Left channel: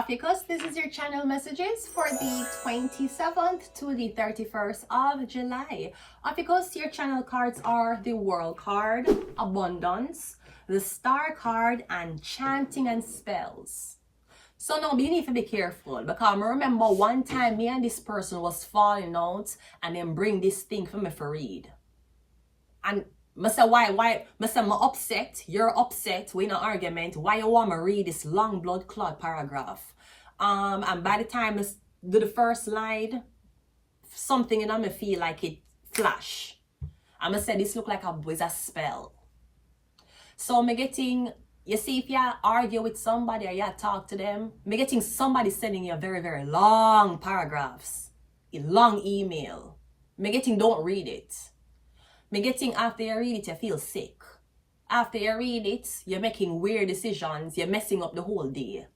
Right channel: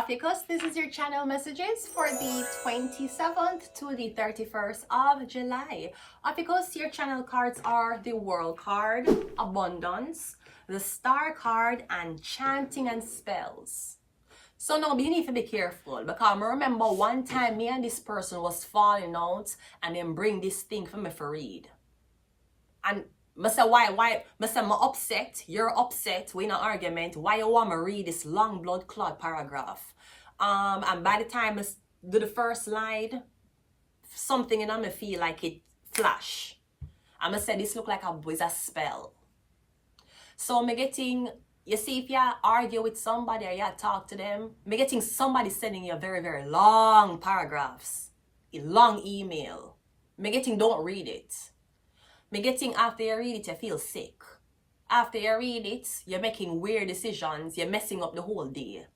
Ophiuchus, this is your channel messages for the 27th to the 31st of July. Ophiuchus, your channel cards are the World card, Abundance, the Star card, and Chanting and Spells. So now you need to be careful, because I remember one time me and this person was falling out and then bring this thing for me for read. And I say, why? I say, I'm upset, you're upset, we're in an argument, why you want me to read this long blood clot paragraph? And by the time I do the first line, something in me feel like it flash. I'm gonna say this look like a spell. So I'm getting, you see, if you argue with somebody or you talk to them, I'm getting somebody sending you very, very long paragraphs, a long email. I'm getting, don't read it. Me getting, after you read it, you feel sick. After you read it, you're making weird decisions. You're messing up the whole day.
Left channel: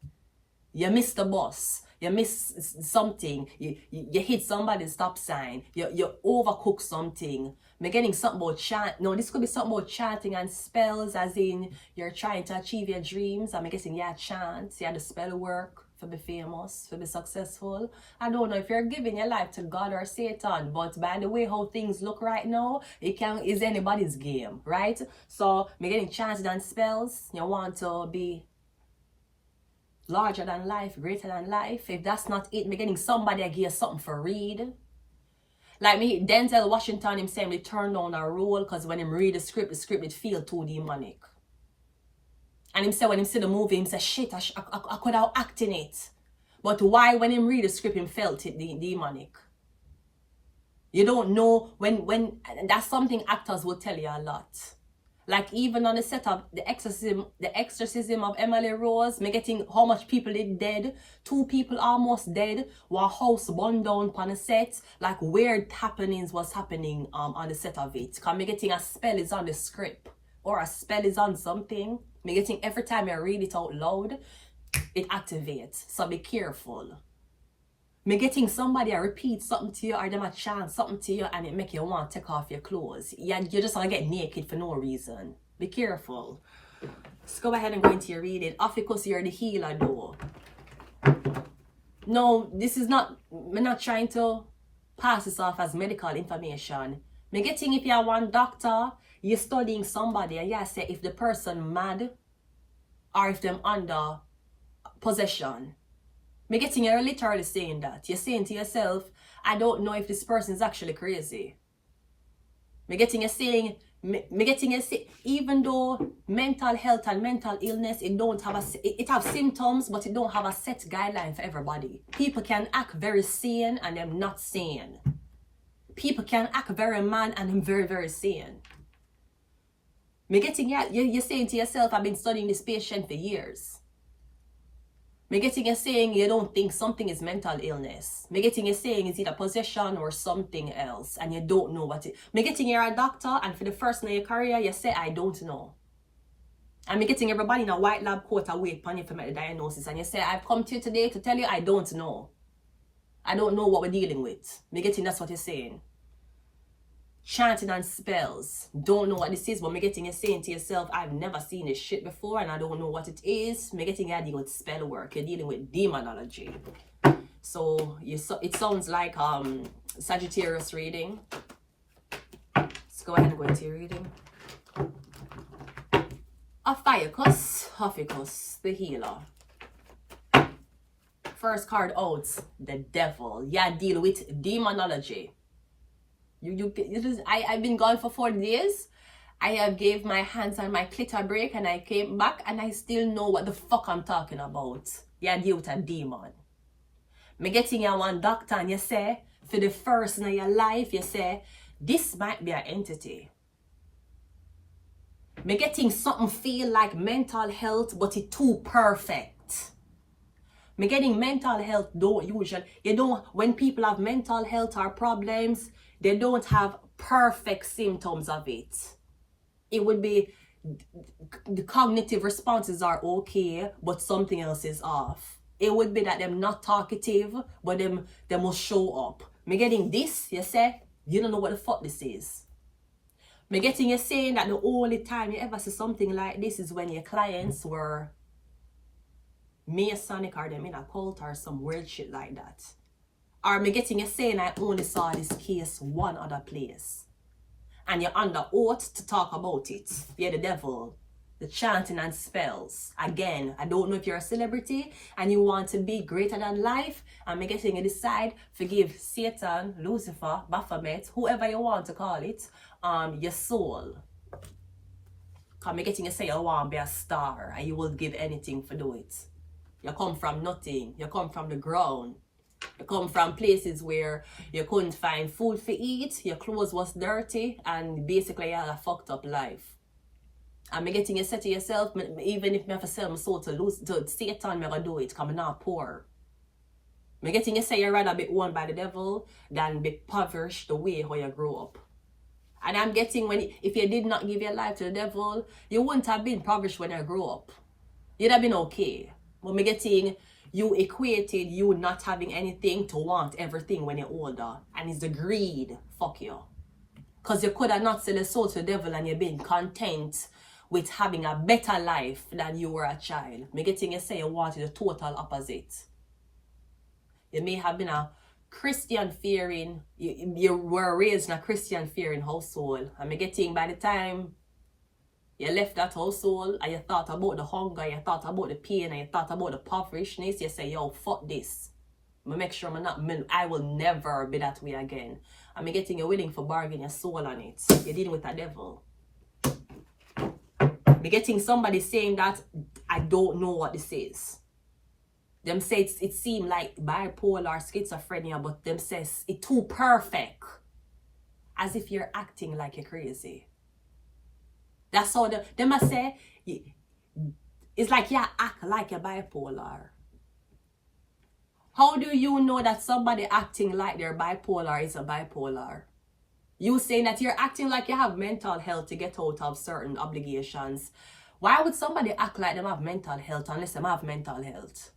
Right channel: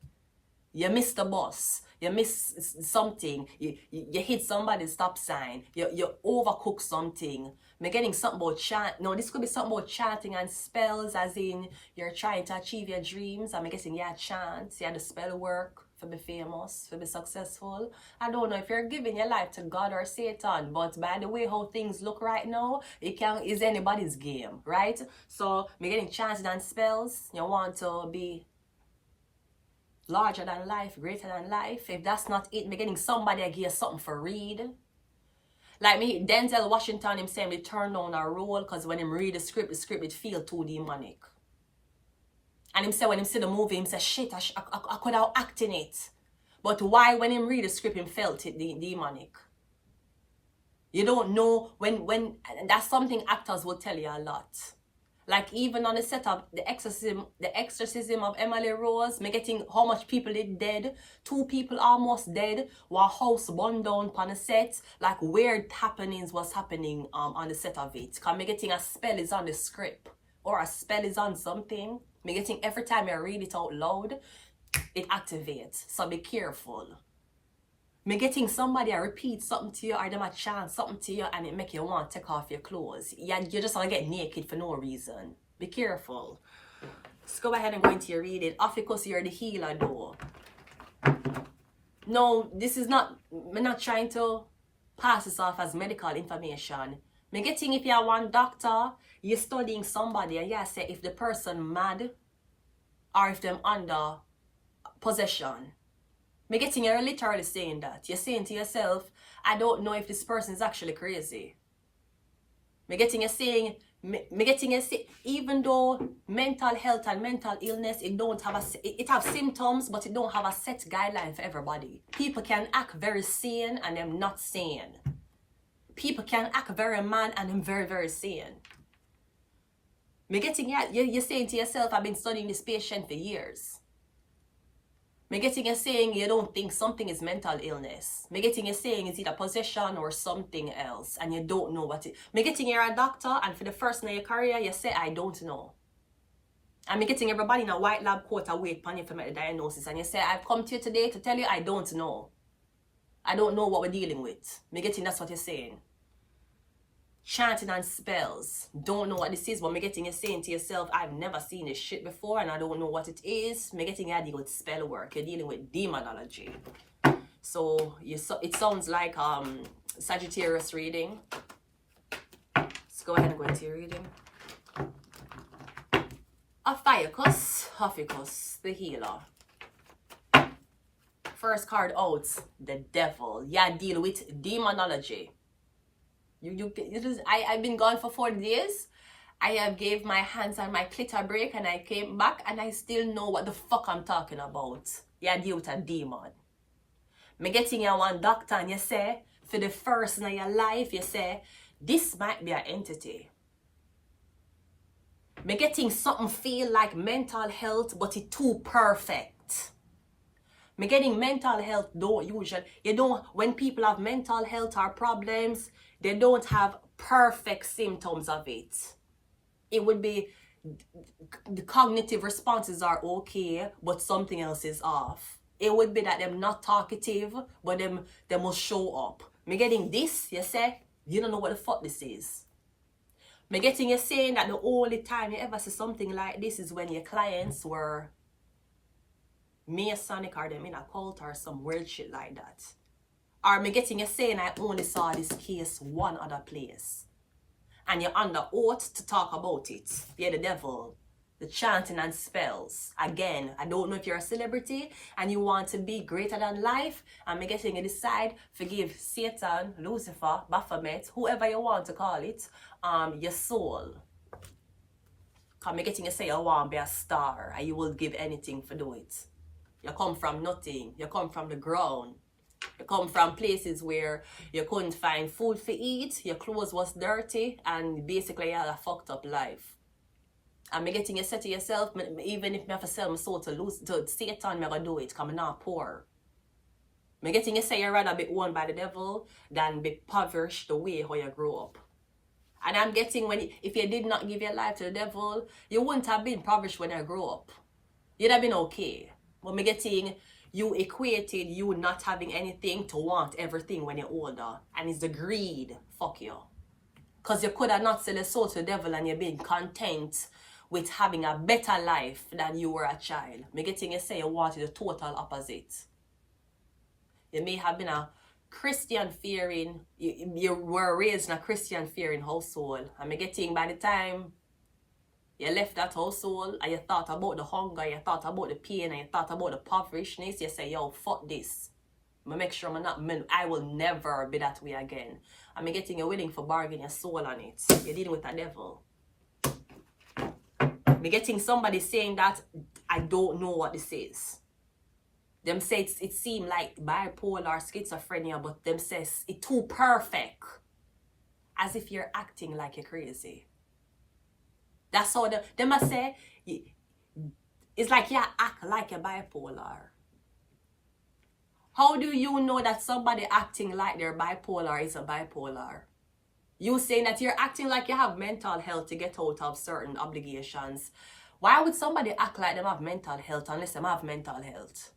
You miss the bus. You miss something. You hit somebody's stop sign. You overcook something. Me getting something about chant. No, this could be something about chanting and spells, as in you're trying to achieve your dreams. I'm guessing you chant, you the spell work to be famous, to be successful. I don't know if you're giving your life to God or Satan, but by the way how things look right now, it is anybody's game, right? So me getting chanting and spells. You want to be larger than life, greater than life. If that's not it, me getting somebody I give something for read. Like me, Denzel Washington, him saying he turned down a role because when him read the script it feel too demonic. And him say when him see the movie, him say, shit, I could have acted in it. But why when him read the script, him felt it demonic? You don't know when that's something actors will tell you a lot. Like even on the set of the exorcism of Emily Rose, me getting how much people is dead. 2 people almost dead. One house burned down on the set. Like weird happenings was happening on the set of it. Cause me getting a spell is on the script. Or a spell is on something. Me getting every time I read it out loud, it activates. So be careful. Me getting somebody to repeat something to you or them a chant something to you and it make you want to take off your clothes. You just want to get naked for no reason. Be careful. Let's go ahead and go into your reading. Ophiuchus, you're the healer though. No, this is not, I'm not trying to pass this off as medical information. Me getting if you're one doctor, you're studying somebody and you say if the person mad or if them under possession. Me getting you're literally saying that. You're saying to yourself, I don't know if this person is actually crazy. Me getting you saying, even though mental health and mental illness, it have symptoms, but it don't have a set guideline for everybody. People can act very sane and them not sane. People can act very mad and them very, very sane. Me getting you're saying to yourself, I've been studying this patient for years. Me getting you saying you don't think something is mental illness. Me getting you saying it's either possession or something else and you don't know what it. Me getting you're a doctor and for the first in your career you say I don't know. And me getting everybody in a white lab coat awake upon you to make the diagnosis and you say I've come to you today to tell you I don't know. I don't know what we're dealing with. Me getting that's what you're saying. Chanting and spells. Don't know what this is, but me getting you saying to yourself, I've never seen this shit before and I don't know what it is. Me getting you dealing with spell work. You're dealing with demonology. So it sounds like Sagittarius reading. Let's go ahead and go into your reading. Ophiuchus, the healer. First card out, the devil. Yeah, deal with demonology. I've been gone for 4 days. I have gave my hands and my clit a break and I came back and I still know what the fuck I'm talking about. Yeah, deal with a demon. Me getting you one doctor and you say, for the first in your life, you say, this might be an entity. Me getting something feel like mental health, but it's too perfect. Me getting mental health when people have mental health or problems, they don't have perfect symptoms of it. It would be the cognitive responses are okay, but something else is off. It would be that them not talkative, but them will show up. Me getting this, you say, you don't know what the fuck this is. Me getting you saying that the only time you ever see something like this is when your clients were Masonic or them in a cult or some weird shit like that. Or me getting you saying I only saw this case one other place. And you're under oath to talk about it. You're the devil. The chanting and spells. Again, I don't know if you're a celebrity and you want to be greater than life. And me getting you decide, forgive Satan, Lucifer, Baphomet, whoever you want to call it, your soul. Because me getting you say you want to be a star and you will give anything for do it. You come from nothing. You come from the ground. You come from places where you couldn't find food to eat, your clothes was dirty, and basically you had a fucked up life. And me getting you say to yourself, even if me have to sell my soul to Satan, me gonna do it, because I'm not poor. Me getting you say you'd rather be owned by the devil than be impoverished the way how you grew up. And I'm getting if you did not give your life to the devil, you wouldn't have been impoverished when you grew up. You'd have been okay. But me getting you equated you not having anything to want everything when you're older. And it's the greed. Fuck you. Because you could have not sold your soul to the devil and you've been content with having a better life than you were a child. Me getting you say you wanted the total opposite. You may have been a Christian fearing, you were raised in a Christian fearing household. And me getting by the time you left that household and you thought about the hunger, you thought about the pain, and you thought about the impoverishedness, you say, yo, fuck this. I make sure I will never be that way again. I'm getting you willing for bargain your soul on it. You're dealing with a devil. Me getting somebody saying that I don't know what this is. Them say it seems like bipolar, schizophrenia, but them says it's too perfect. As if you're acting like you're crazy. That's how they must say, it's like you act like you're bipolar. How do you know that somebody acting like they're bipolar is a bipolar? You saying that you're acting like you have mental health to get out of certain obligations. Why would somebody act like they have mental health unless they have mental health?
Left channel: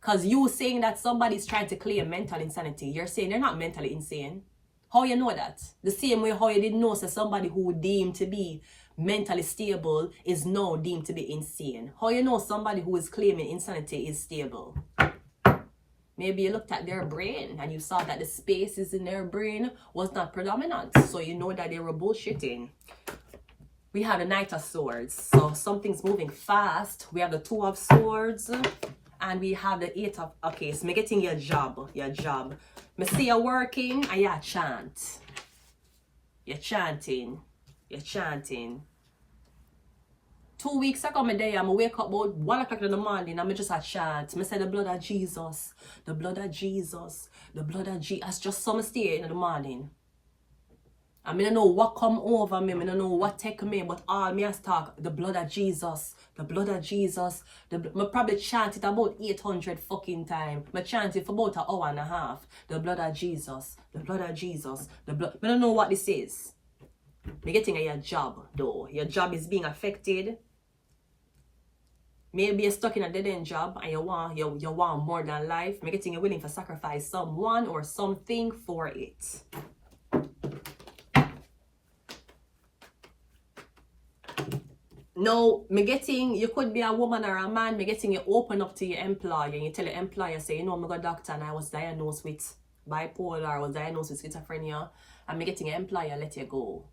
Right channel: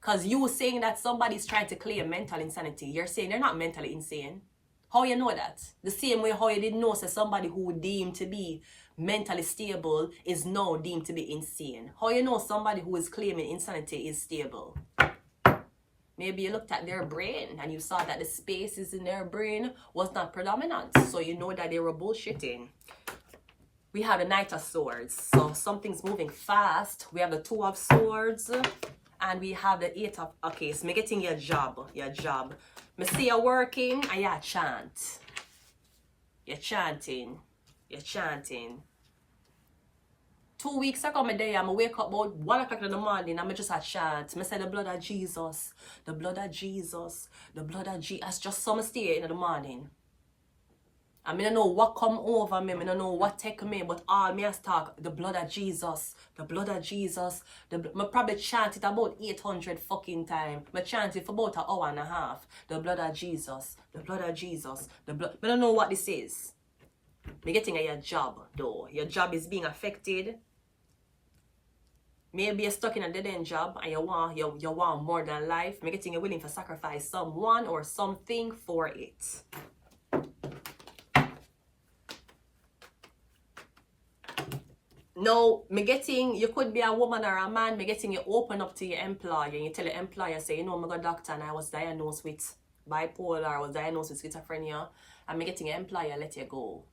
Because you saying that somebody's trying to claim mental insanity, you're saying they're not mentally insane. How you know that? The same way how you didn't know so somebody who would deem to be mentally stable is now deemed to be insane. How you know somebody who is claiming insanity is stable? Maybe you looked at their brain and you saw that the spaces in their brain was not predominant. So you know that they were bullshitting. We have the Knight of Swords. So something's moving fast. We have the Two of Swords. And we have the Eight of... Okay, so me getting your job. Your job. Me see you working and you chant. You're chanting. You're chanting. 2 weeks ago, I wake up about 1 o'clock in the morning and I just a chant. I say the blood of Jesus. The blood of Jesus. The blood of Jesus. Just some stay in the morning. I don't know what come over me. I don't know what take me. But all me has talk. The blood of Jesus. The blood of Jesus. I probably chant it about 800 fucking times. I chant it for about an hour and a half. The blood of Jesus. The blood of Jesus. The blood. I don't know what this is. You're getting your job though. Your job is being affected. Maybe you're stuck in a dead-end job and you want more than life. You're getting you willing to sacrifice someone or something for it. No, me getting, you could be a woman or a man, me getting you open up to your employer and you tell your employer, say, you know, I'm a doctor and I was diagnosed with bipolar, I was diagnosed with schizophrenia, and me getting your employer let you go.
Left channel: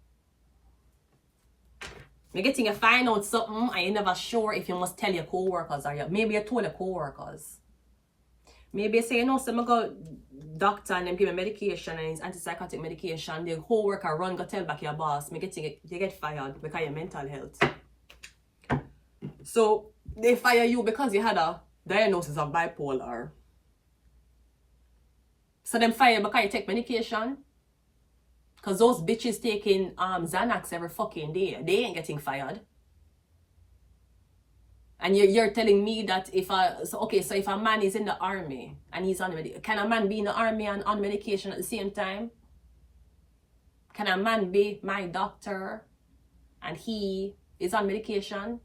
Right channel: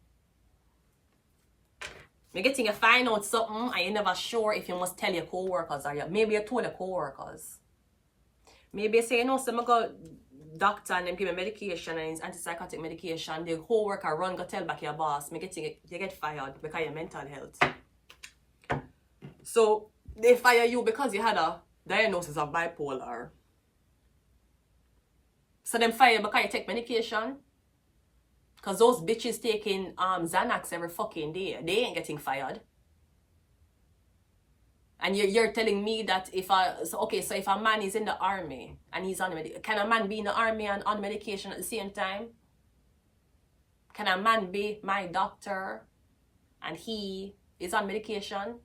Me getting you find out something and you're never sure if you must tell your co-workers or maybe you told your co-workers. Maybe you say, you know, so I go doctor and then give me medication and it's antipsychotic medication, the co-worker run go tell back your boss, me getting you get fired because of your mental health. So they fire you because you had a diagnosis of bipolar. So them fire you because you take medication. Because those bitches taking Xanax every fucking day. They ain't getting fired. And you're telling me that if if a man is in the army and he's on medication, can a man be in the army and on medication at the same time? Can a man be my doctor and he is on medication?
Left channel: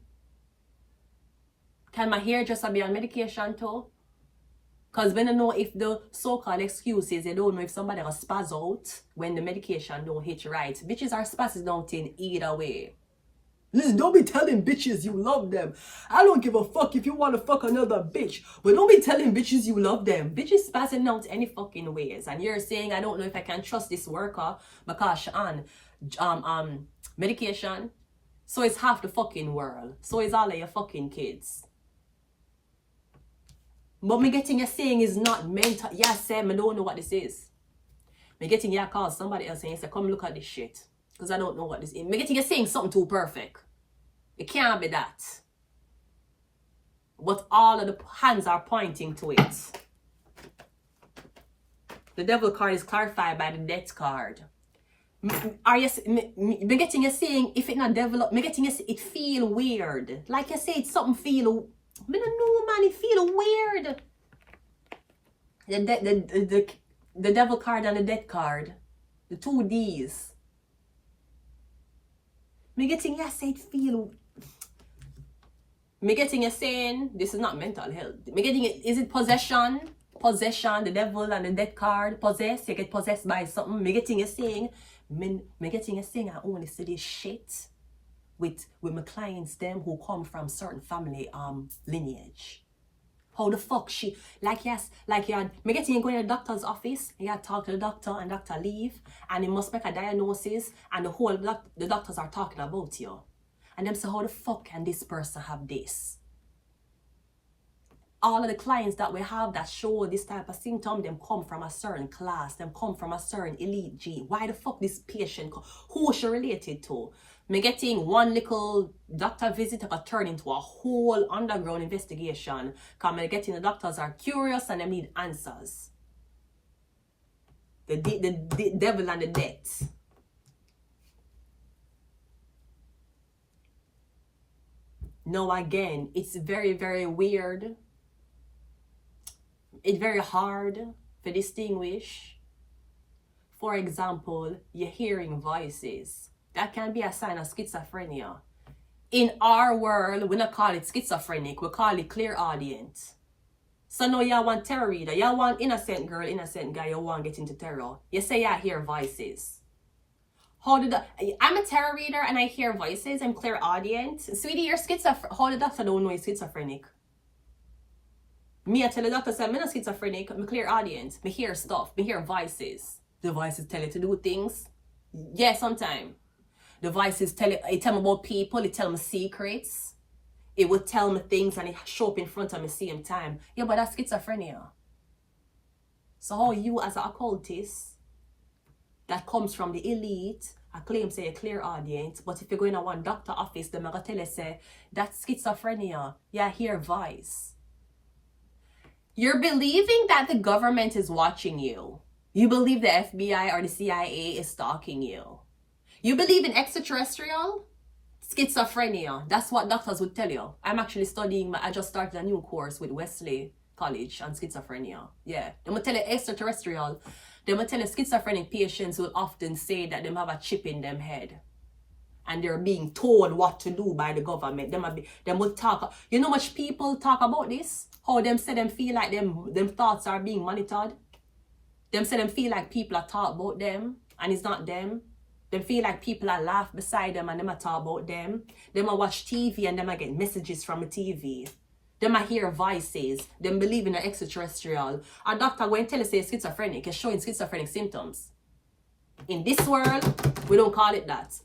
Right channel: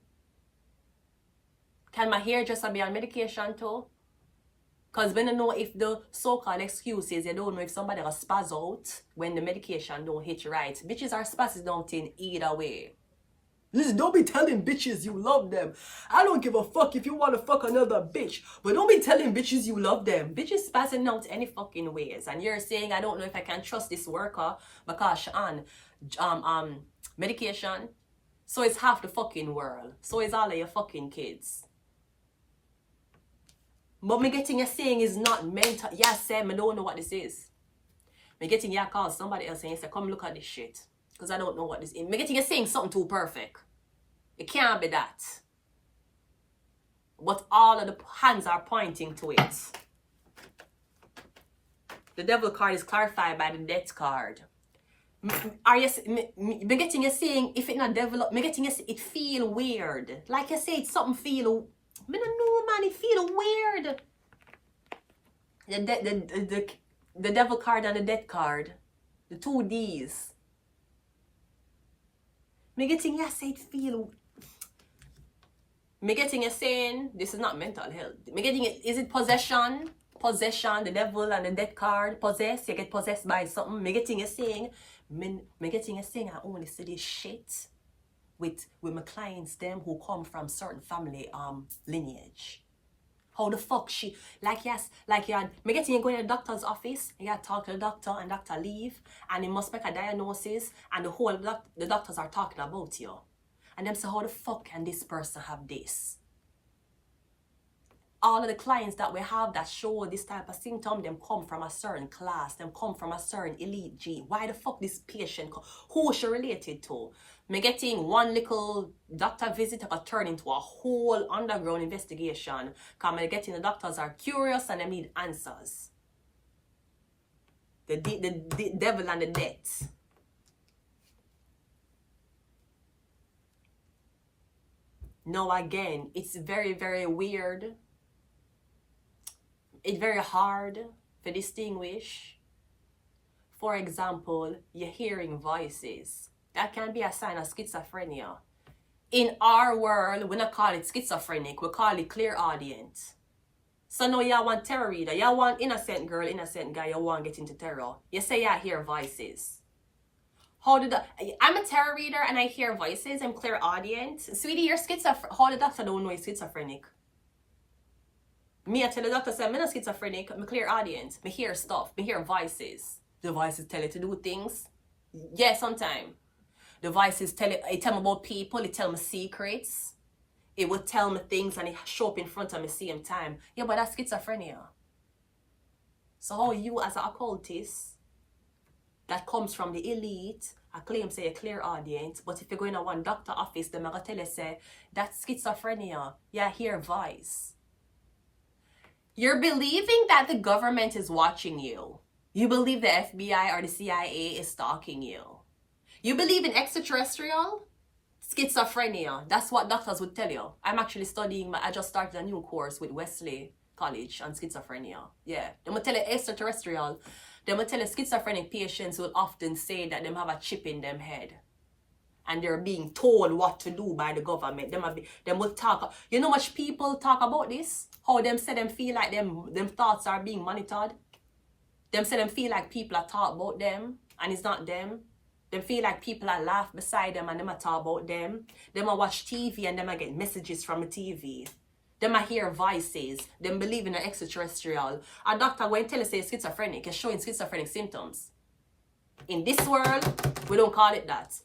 Can my hairdresser be on medication too? Because when I know if the so-called excuses, you don't know if somebody will spaz out when the medication don't hit right. Bitches are spazzing out in either way. Listen, don't be telling bitches you love them. I don't give a fuck if you want to fuck another bitch, but don't be telling bitches you love them. Bitches passing out any fucking ways, and you're saying I don't know if I can trust this worker because she on medication. So is half the fucking world. So is all of your fucking kids. But me getting you saying is not mental. Yeah, Sam, I don't know what this is. Me getting you call somebody else and you say, come look at this shit. Because I don't know what this is. Me getting you saying something too perfect. It can't be that. But all of the hands are pointing to it. The devil card is clarified by the death card. Are you me getting you saying if it not developed, me getting you it feel weird. Like I said, something feel, I don't know, man, it feel weird. The devil card and the death card, the 2 Ds. Me getting you say it feel. Me getting you saying this is not mental health. Me getting it, is it possession? Possession, the devil and the death card, possess, you get possessed by something. Me getting you saying, me getting you saying I only see this shit with my clients, them who come from certain family lineage. How the fuck she, like yes, like you had, me getting you going to the doctor's office, and you had to talk to the doctor and doctor leave, and he must make a diagnosis, and the doctors are talking about you. And them say, how the fuck can this person have this? All of the clients that we have that show this type of symptom, them come from a certain class, them come from a certain elite gene. Why the fuck this patient, who is she related to? Me getting one little doctor visit could turn into a whole underground investigation. Because me getting the doctors are curious and they need answers. The devil and the death. Now again, it's very, very weird. It's very hard to distinguish. For example, you're hearing voices. That can be a sign of schizophrenia. In our world, we don't call it schizophrenic, we call it clairaudient. So now you want tarot reader, you want innocent girl, innocent guy, you want get into tarot. You say you hear voices. How did that? I'm a tarot reader and I hear voices. I'm clairaudient. Sweetie, you're schizophrenic. How the doctor don't know you're schizophrenic? Me, I tell the doctor, say I'm not schizophrenic. I'm clairaudient. Me hear stuff. Me hear voices. The voices tell you to do things. Yeah, sometimes. The voices tell me about people. It tell me secrets. It would tell me things and it show up in front of me same time. Yeah, but that's schizophrenia. So how you as an occultist that comes from the elite, I claim say a clairaudient, but if you're going to one doctor office, they're going to tell you say, that's schizophrenia. Yeah, hear voice. You're believing that the government is watching you. You believe the FBI or the CIA is stalking you. You believe in extraterrestrial? Schizophrenia. That's what doctors would tell you. I'm actually studying, I just started a new course with Wesley College on schizophrenia. Yeah, they will tell you extraterrestrial. They will tell you schizophrenic patients will often say that they have a chip in them head. And they're being told what to do by the government. Them will talk. You know much people talk about this? How them say them feel like them thoughts are being monitored. Them say them feel like people are talking about them and it's not them. Them feel like people are laugh beside them and them are talk about them. Them are watch TV and them are get messages from the TV. Them are hear voices. Them believe in an extraterrestrial. A doctor going to tell us say schizophrenic is showing schizophrenic symptoms. In this world, we don't call it that.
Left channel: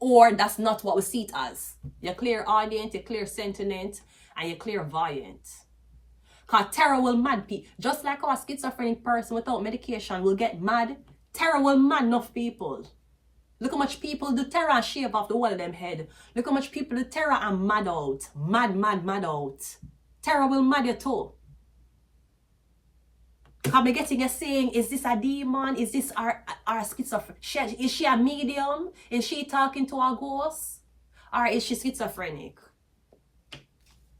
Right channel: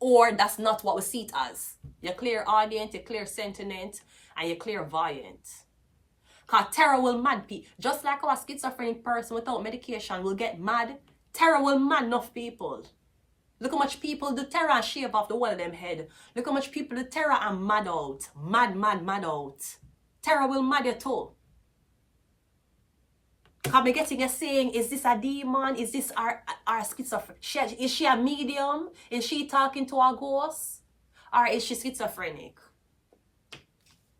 Or that's not what we see it as. You're clairaudient, you're clairsentient, and you're clairvoyant. Because terror will mad people. Just like a schizophrenic person without medication will get mad, terror will mad enough people. Look how much people do terror and shave off the whole of them head. Look how much people do terror and mad out. Mad out. Terror will mad you too. Because me getting a saying, is this a demon? Is this our schizophrenic? Is she a medium? Is she talking to a ghost? Or is she schizophrenic?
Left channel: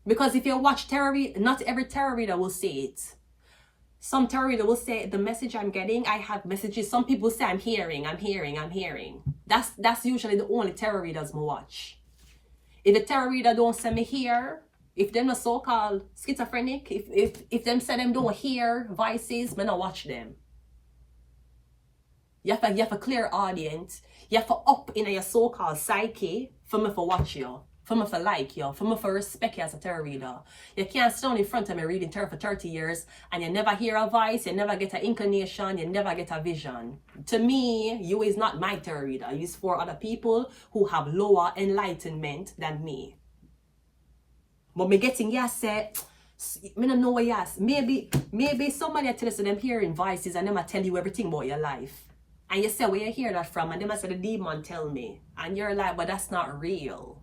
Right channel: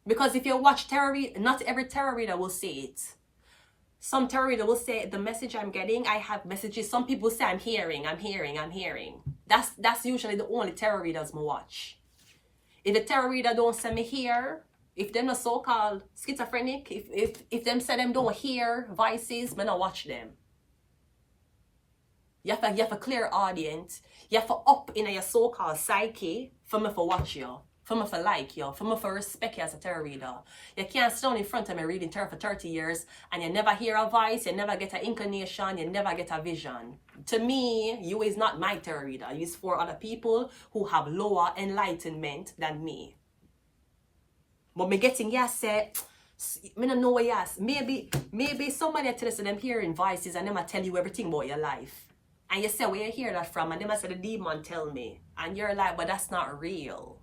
Because if you watch tarot read, not every tarot reader will say it. Some tarot reader will say, the message I'm getting, I have messages. Some people say, I'm hearing. That's usually the only tarot readers I watch. If the tarot reader don't say me hear, if they're not so-called schizophrenic, if them say them don't hear voices, I don't watch them. You have a clairaudient. You have to up in your so-called psyche for me for watch you, for me for like you, for me for respect you as a tarot reader. You can't stand in front of me reading tarot for 30 years and you never hear a voice, you never get an inclination, you never get a vision. To me, you is not my tarot reader. You is for other people who have lower enlightenment than me. But me getting yes said, me don't know what yes. Maybe somebody tell us them hearing voices and them I tell you everything about your life. And you say where you hear that from, and them I say the demon tell me. And you're like, but that's not real.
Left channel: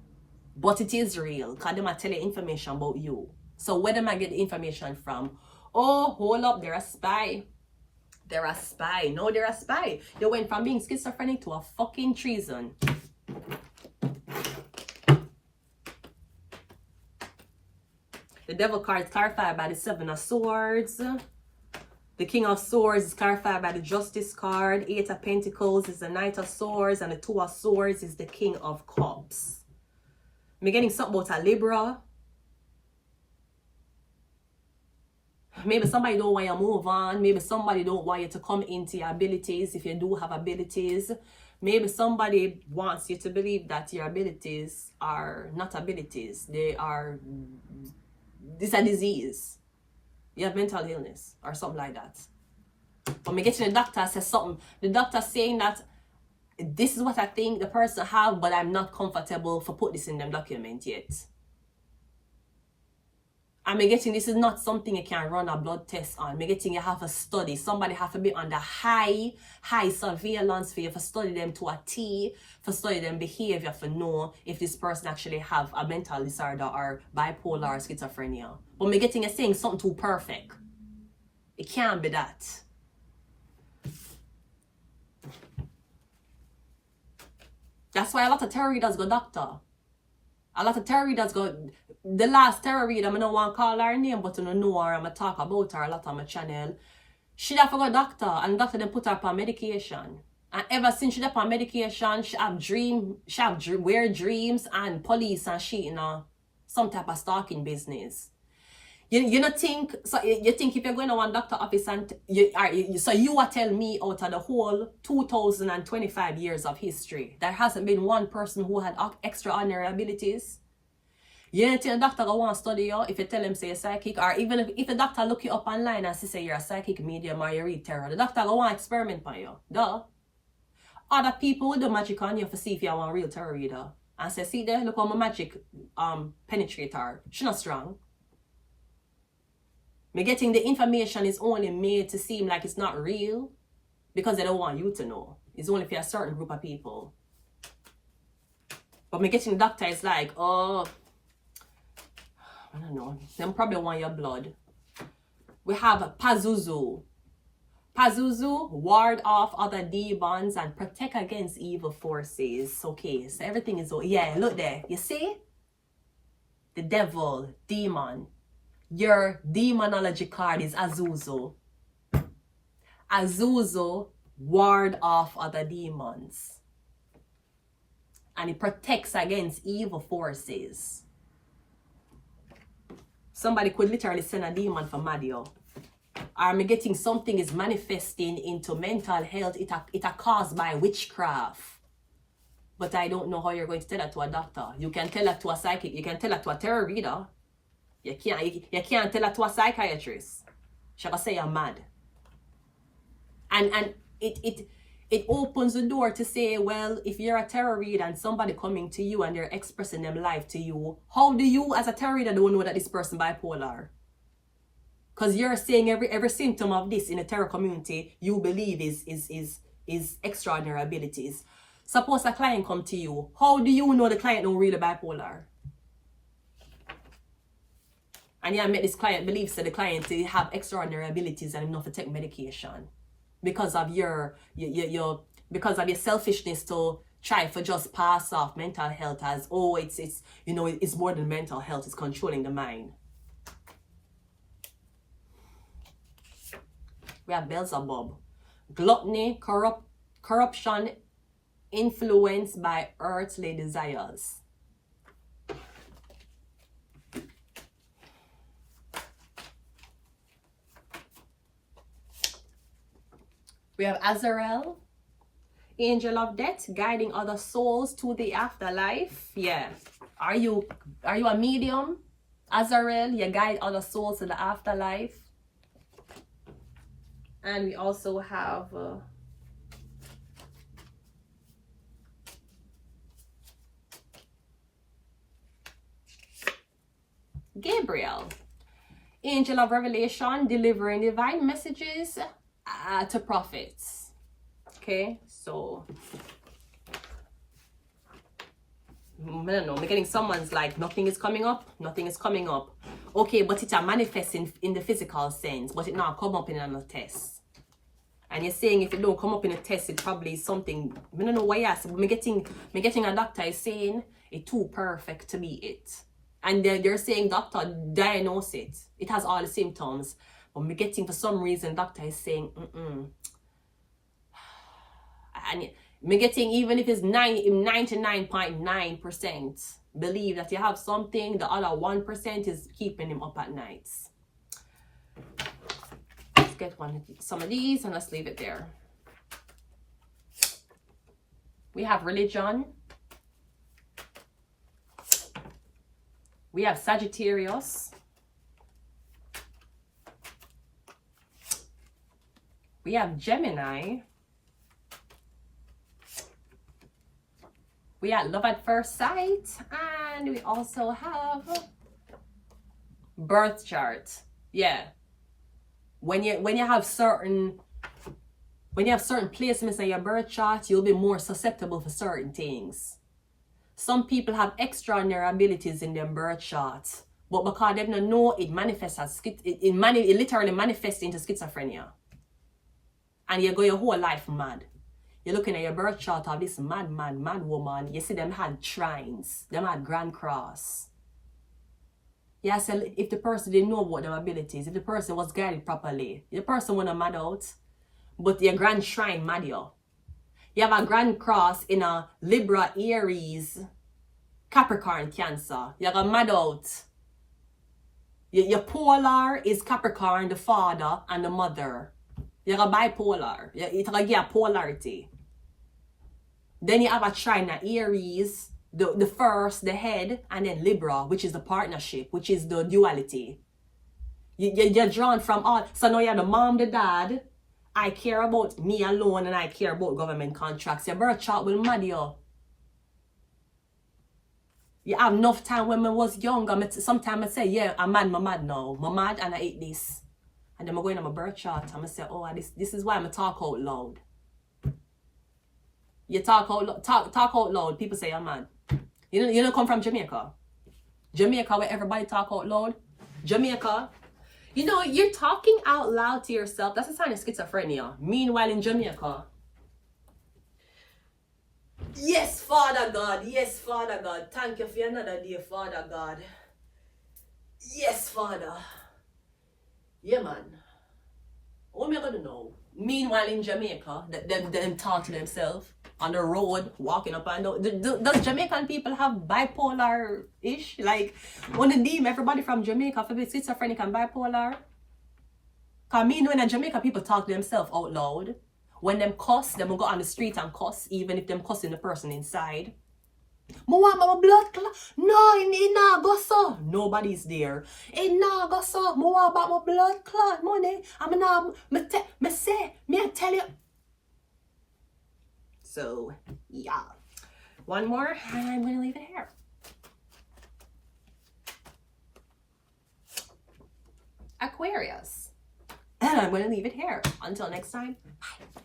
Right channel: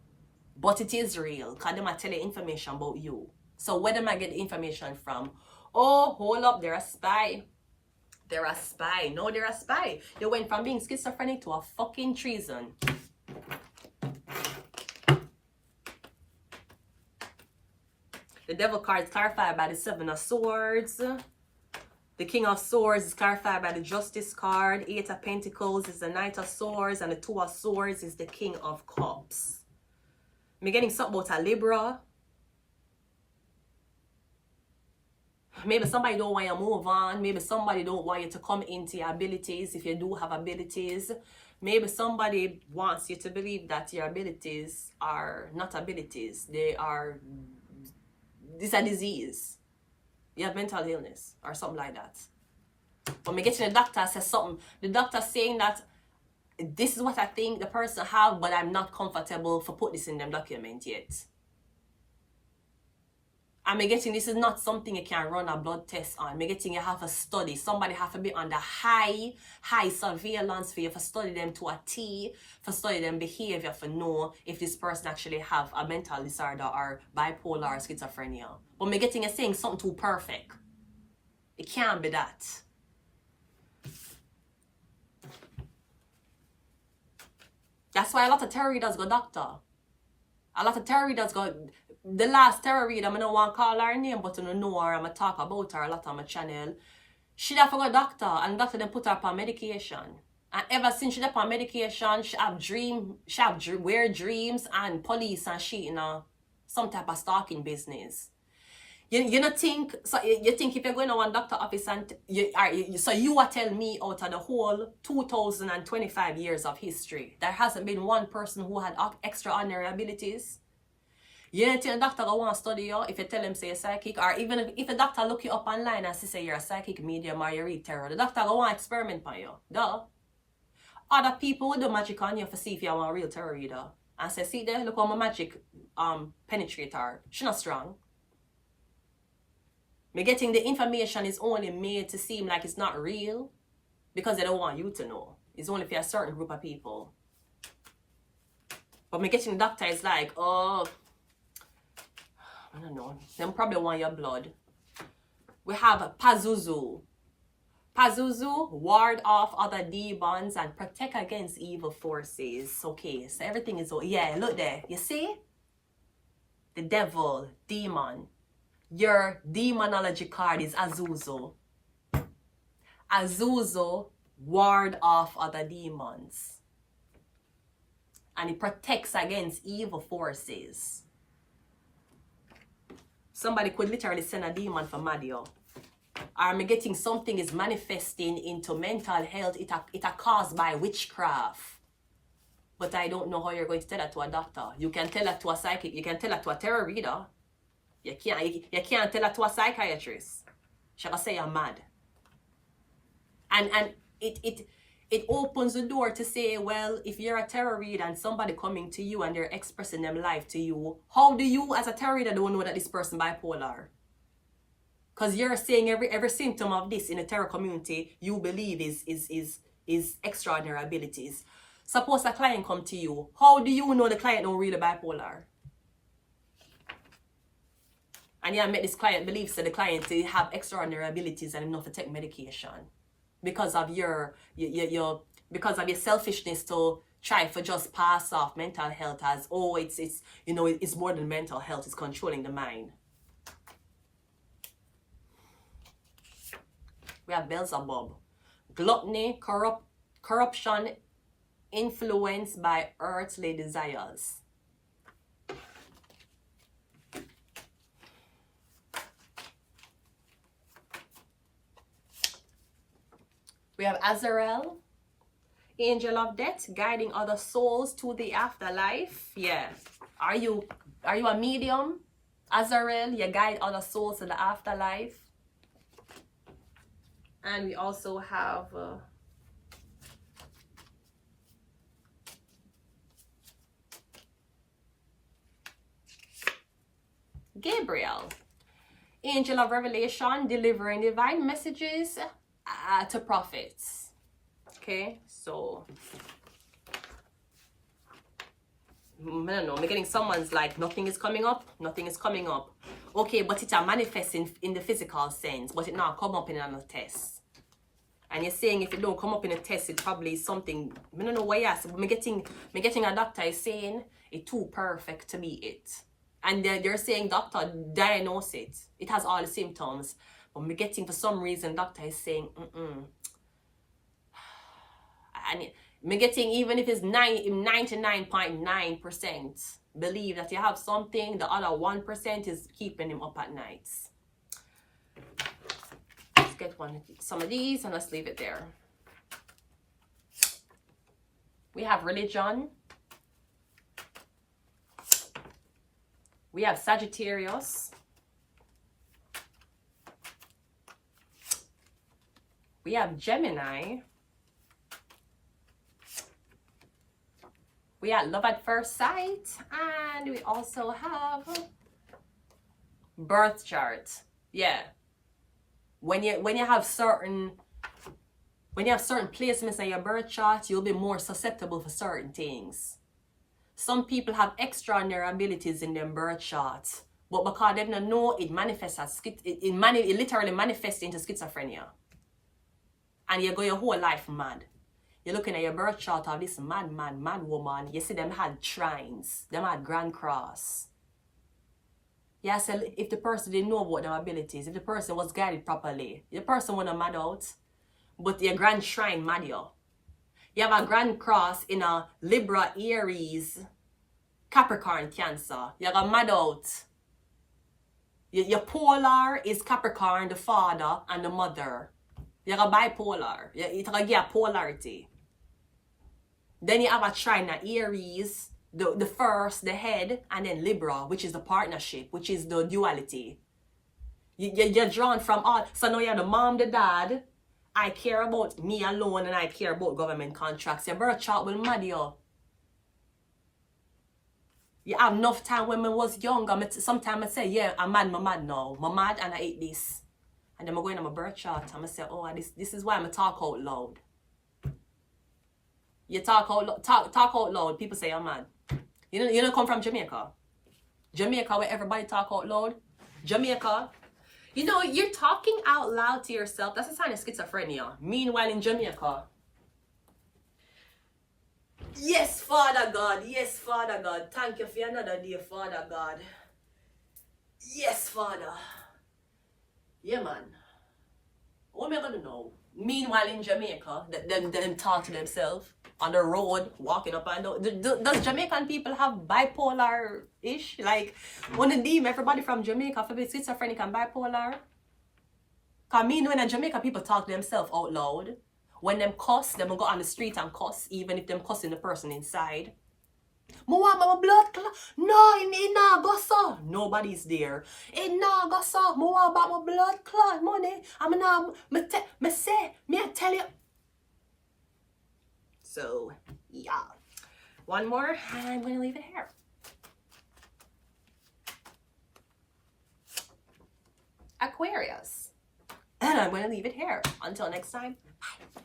But it is real, because them I tell you information about you. So where do I get the information from? Oh, hold up, they're a spy. They're a spy. No, they're a spy. You went from being schizophrenic to a fucking treason. The devil card is clarified by the 7 of Swords. The King of Swords is clarified by the Justice card. 8 of Pentacles is the Knight of Swords. And the 2 of Swords is the King of Cups. I'm getting something about a Libra. Maybe somebody don't want you to move on. Maybe somebody don't want you to come into your abilities if you do have abilities. Maybe somebody wants you to believe that your abilities are not abilities. They are... This is a disease. You have mental illness or something like that. When we get to the doctor says something, the doctor saying that this is what I think the person have, but I'm not comfortable for put this in them document yet. I'm getting this is not something you can run a blood test on. I'm getting you have a study. Somebody have to be under high surveillance for you to study them to a T, for study them behavior, for know if this person actually have a mental disorder or bipolar or schizophrenia. But I'm getting you saying something too perfect. It can't be that. That's why a lot of tarot readers go doctor. A lot of tarot readers go... The last tarot reader, I don't want to call her name, but I don't know her. I'm going to talk about her a lot on my channel. She have to go doctor, and doctor then put her on medication. And ever since she on medication, she have weird dreams and police and shit, you know, some type of stalking business. You don't think, so you think if you're going to one doctor office and so you are telling me out of the whole 2025 years of history, there hasn't been one person who had extraordinary abilities? You don't think a doctor go want to study you if you tell him say you're psychic, or even if a doctor look you up online and say you're a psychic medium or you read tarot, the doctor go want to experiment on you. Duh. Other people will do magic on you to see if you want a real tarot reader. And say, see there, look how my magic penetrate her. She's not strong. Me getting the information is only made to seem like it's not real because they don't want you to know. It's only for a certain group of people. But me getting the doctor is like, oh, I don't know. Them probably want your blood. We have Pazuzu. Pazuzu, ward off other demons and protect against evil forces. Okay, so everything is... Yeah, look there. You see? The devil, demon. Your demonology card is Azuzu. Azuzu, ward off other demons. And it protects against evil forces. Somebody could literally send a demon for Madio. Or me getting something is manifesting into mental health. It a caused by witchcraft. But I don't know how you're going to tell that to a doctor. You can tell that to a psychic. You can tell that to a tarot reader. You can't tell that to a psychiatrist. She'll say you're mad. And it opens the door to say, well, if you're a tarot reader and somebody coming to you and they're expressing them life to you, how do you as a tarot reader don't know that this person bipolar? Because you're saying every symptom of this in the tarot community you believe is extraordinary abilities. Suppose a client come to you, how do you know the client don't really bipolar? And you make this client believe that the client have extraordinary abilities and enough to take medication. Because of your selfishness to try to just pass off mental health as, oh, it's you know, it's more than mental health, it's controlling the mind. We have Beelzebub. Gluttony, corruption, influenced by earthly desires. We have Azrael. Angel of Death, guiding other souls to the afterlife. Yeah. Are you a medium? Azrael, you guide other souls to the afterlife. And we also have Gabriel, Angel of Revelation, delivering divine messages to prophets. Okay, so I don't know, I'm getting someone's like, nothing is coming up. Okay, but it's a manifesting in the physical sense, but it not come up in another test. And you're saying if it don't come up in a test, it probably is something, I don't know why I said, but me getting a doctor is saying it's too perfect to be it. And they're saying, doctor, diagnose it. It has all the symptoms. But me getting, for some reason, doctor is saying, And me getting, even if it's 99.9%, believe that you have something, the other 1% is keeping him up at nights. Let's get some of these and let's leave it there. We have religion. We have Sagittarius. We have Gemini. We have love at first sight. And we also have birth chart. Yeah. When you have certain placements in your birth chart, you'll be more susceptible for certain things. Some people have extraordinary abilities in their birth charts, but because they don't know, it manifests as it literally manifests into schizophrenia. And you go your whole life mad. You're looking at your birth chart of this mad woman. You see them had shrines, them had grand cross. Yeah, so if the person didn't know about their abilities, if the person was guided properly, the person wouldn't mad out, but your grand shrine mad you. You have a grand cross in a Libra, Aries, Capricorn, Cancer. You're gonna mad out. Your polar is Capricorn, the father and the mother. You're a bipolar. It's gonna give a polarity. Then you have a China, Aries, the first, the head, and then Libra, which is the partnership, which is the duality. You're drawn from all. So now you have the mom, the dad. I care about me alone and I care about government contracts. Your birth chart will mad you. You have enough time when I was younger. Sometimes I say, yeah, I'm mad now. I'm mad and I eat this. And then I go in on my birth chart and I say, oh, this is why I'm talk out loud. You talk out loud, people say I'm mad. You don't come from Jamaica. Jamaica where everybody talk out loud. Jamaica. You know, you're talking out loud to yourself. That's a sign of schizophrenia. Meanwhile, in Jamaica. Yes, Father God. Yes, Father God. Thank you for another day, Father God. Yes, Father. Yeah, man. What am I going to know? Meanwhile, in Jamaica, them talk to themselves on the road, walking up and down. Does Jamaican people have bipolar-ish? Like, want to deem everybody from Jamaica for being schizophrenic and bipolar? Because me knowing that Jamaica people talk to themselves out loud. When them cuss, them will go on the street and cuss, even if them cussing the person inside. I want my blood clot. No, it not go so. Nobody's there. It not go so. I want about my blood clot money. I tell you. So, yeah. One more, and I'm going to leave it here. Aquarius. And I'm going to leave it here. Until next time, bye.